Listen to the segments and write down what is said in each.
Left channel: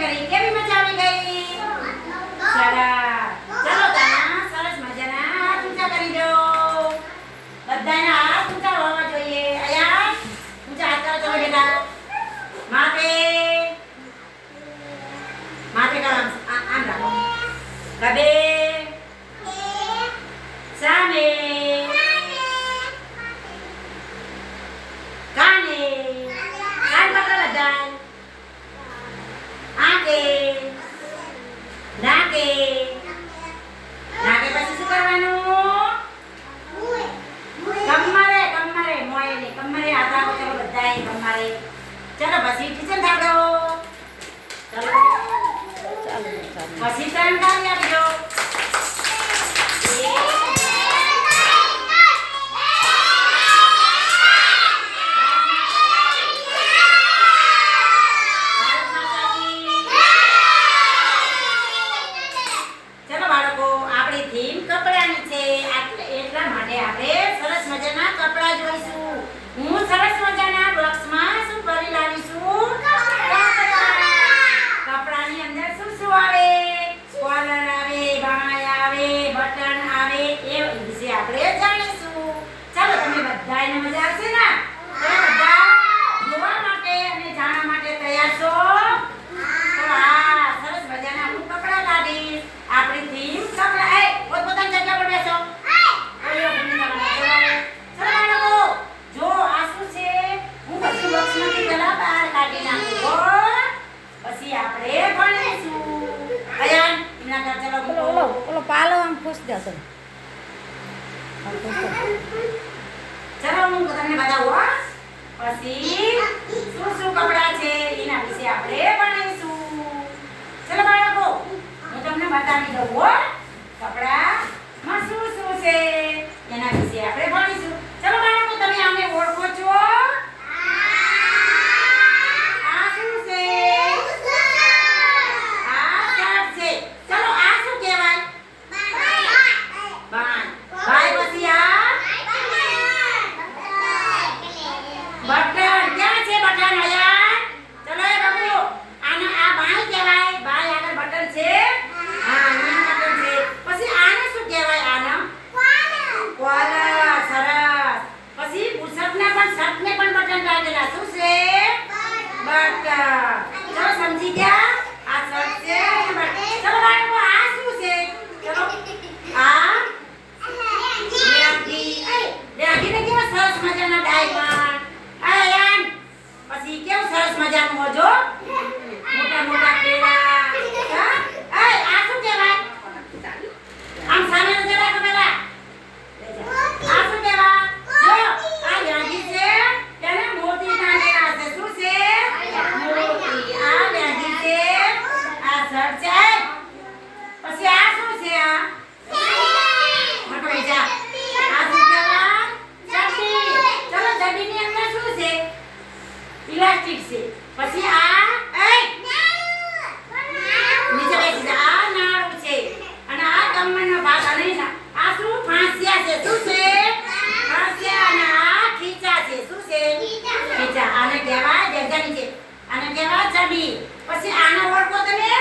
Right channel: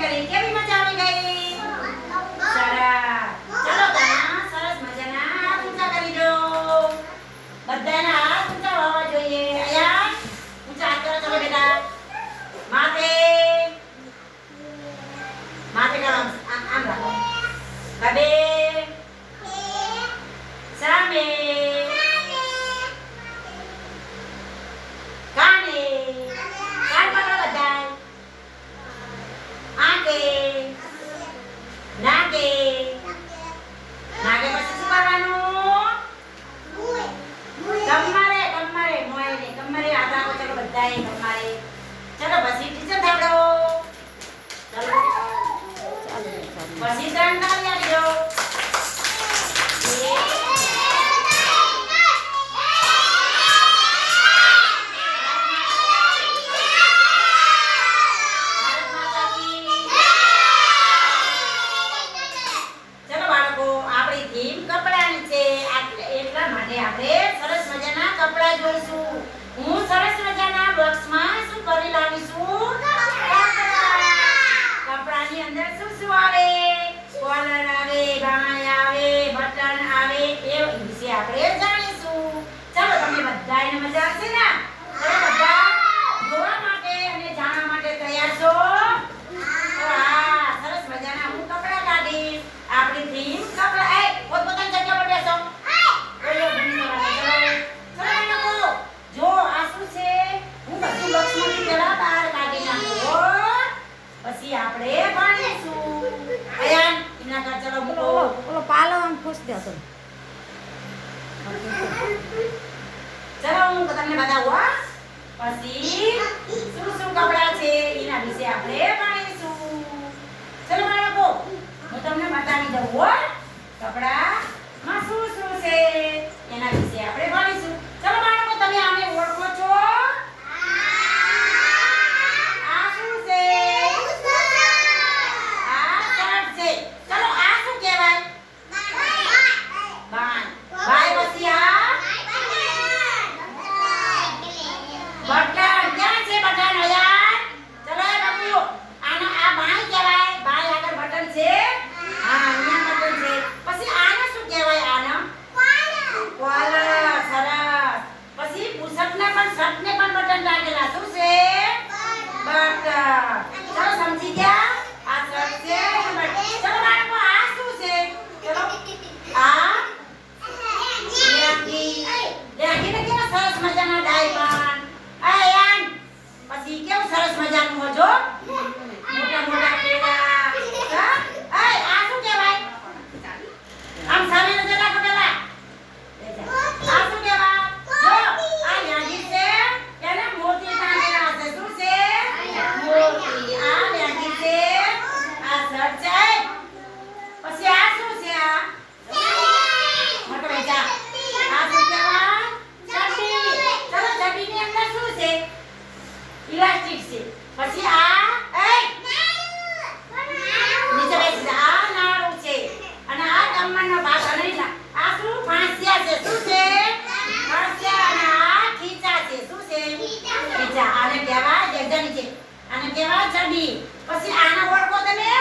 કરી કેવી મજા આવી ગઈ સરસ ચલો ઘણા સરસ મજાના હાથ ઊંચા કરી દો બધાના હાથ ઊંચા હોવા જોઈએ આયા ઊંચા હાથ કરો ચલો બેટા માથે માથે કરો આમ રાખો ગબે સામે કાને કાન પકડો બધાય આગે નાગે નાગે પછી શું કરવાનું કમરે કમરે મોયને કમરે હાથ રાખો ચલો બધાય કમરે ચલો પછી ટીચર થાડો ચલો પછી ત્રણ તાળી આપજો આપણે સરસ મજાના કપડા જોઈશું હું સરસ મજાના બોક્સમાં શું ભરી લાવીશું કપડાની અંદર શું શું આવે કોલર આવે બાય આવે બટન આવે એ વિશે આપણે જાણીશું ચાલો તમને બધાને મજા આવશે ને બધા જોવા માટે અને જાણવા માટે તૈયાર છો હા સરસ મજાના હું કપડા લાવીશ આપણી થીમ કપડા એ પોતપોતાની જગ્યા પર બેસો પછી આપણે ભણીશું અયાન ઇમના કર ચલો મૂકો ઓલો પાલો આમ ખુશ જતો ચલો હું તમને બતાવું પછી શું શું કપડા છે એના વિશે આપણે ભણીશું ચલો બાળકો હું તમને બતાવી દઉં કપડા માં શું શું છે એના વિશે આપણે ભણીશું ચલો બાળકો તમે આને ઓળખો છો સમજી ગયા આ શર્ટ છે ચલો બાળકો આ શું છે ચલો આ લેગીને કેવા સરસ મજાના ડાયમંડ આયાન પછી કેવું સરસ મજાનું મોજો મોટા મોટા કેળા આ શું કહેવાય આમ સામે નજર રાખો પેલા આ શું કહેવાય જો આ લેગી છે એને મોતી ટાંગેલા છે શું છે મોતી આ લેગી છે આ શર્ટ છે પછી આ શું છે આ મોટો બેટા આ શું કહેવાય ચડ્ડી ચલો ચડ્ડીની અંદર શું છે ઇલાસ્ટિક છે પછી આ નીચે બેસી જા આ નાળું છે અને આ કમરનો ભાગ અને આ શું ફાંસિયા છે શું છે ફાંસિયા અને આ ખીચા છે શું છે ખીચા આને કહેવાય જગજાની છે આને કહેવાય ચડ્ડી પછી આનો ઓળખો તમે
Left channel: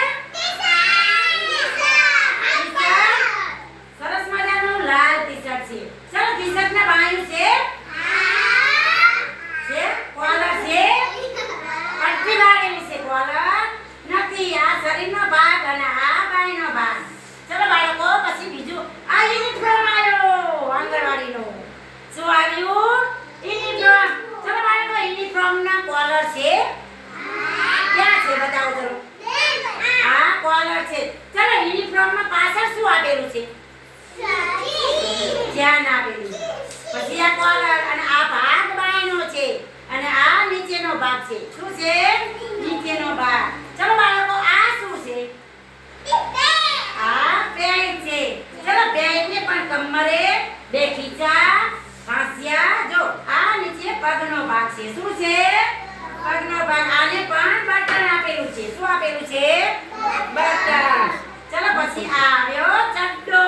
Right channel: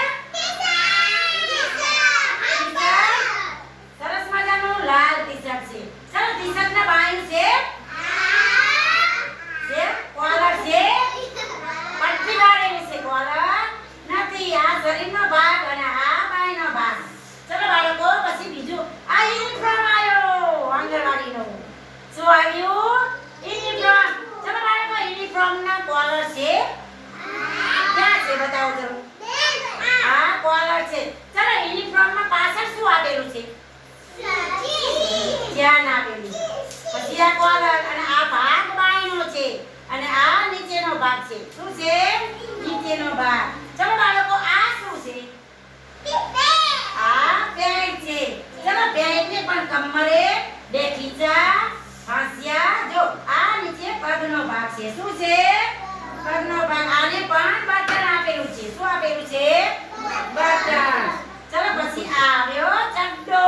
સરસ મજાનું લાલ ટી-શર્ટ છે સરસ ટી-શર્ટ ના બાયું છે કોલર છે પટ્ટી વાળેલી છે કોલર નથી આ શરીરનો ભાગ અને આ બાયનો ભાગ ચલો બાળકો પછી બીજું આ યુનિફોર્મ આવ્યો આંગણવાડીનો શું આવ્યું યુનિફોર્મ ચલો બાળકો યુનિફોર્મ ના કોલર છે ક્યાં છે બતાવો જરો આ કોલર છે ચલો યુનિફોર્મ માં પાછળ શું આપેલું છે ધ્યાન આપેલું પછી આ કોલર અને આ ભાગ બાયનો છે અને આ નીચેનો ભાગ છે શું છે નીચેનો ભાગ ચલો બાળકો આ શું છે આ પેન્ટ છે ચલો પેન્ટ ને પણ કમરે બે ખીચા ફાંસિયા જો આ નીચે પગનો ભાગ છે શું છે પગનો ભાગ આને પણ બટન આપેલું છે શું આપેલું છે બટન ચલો પછી આ આવ્યો ચડ્ડો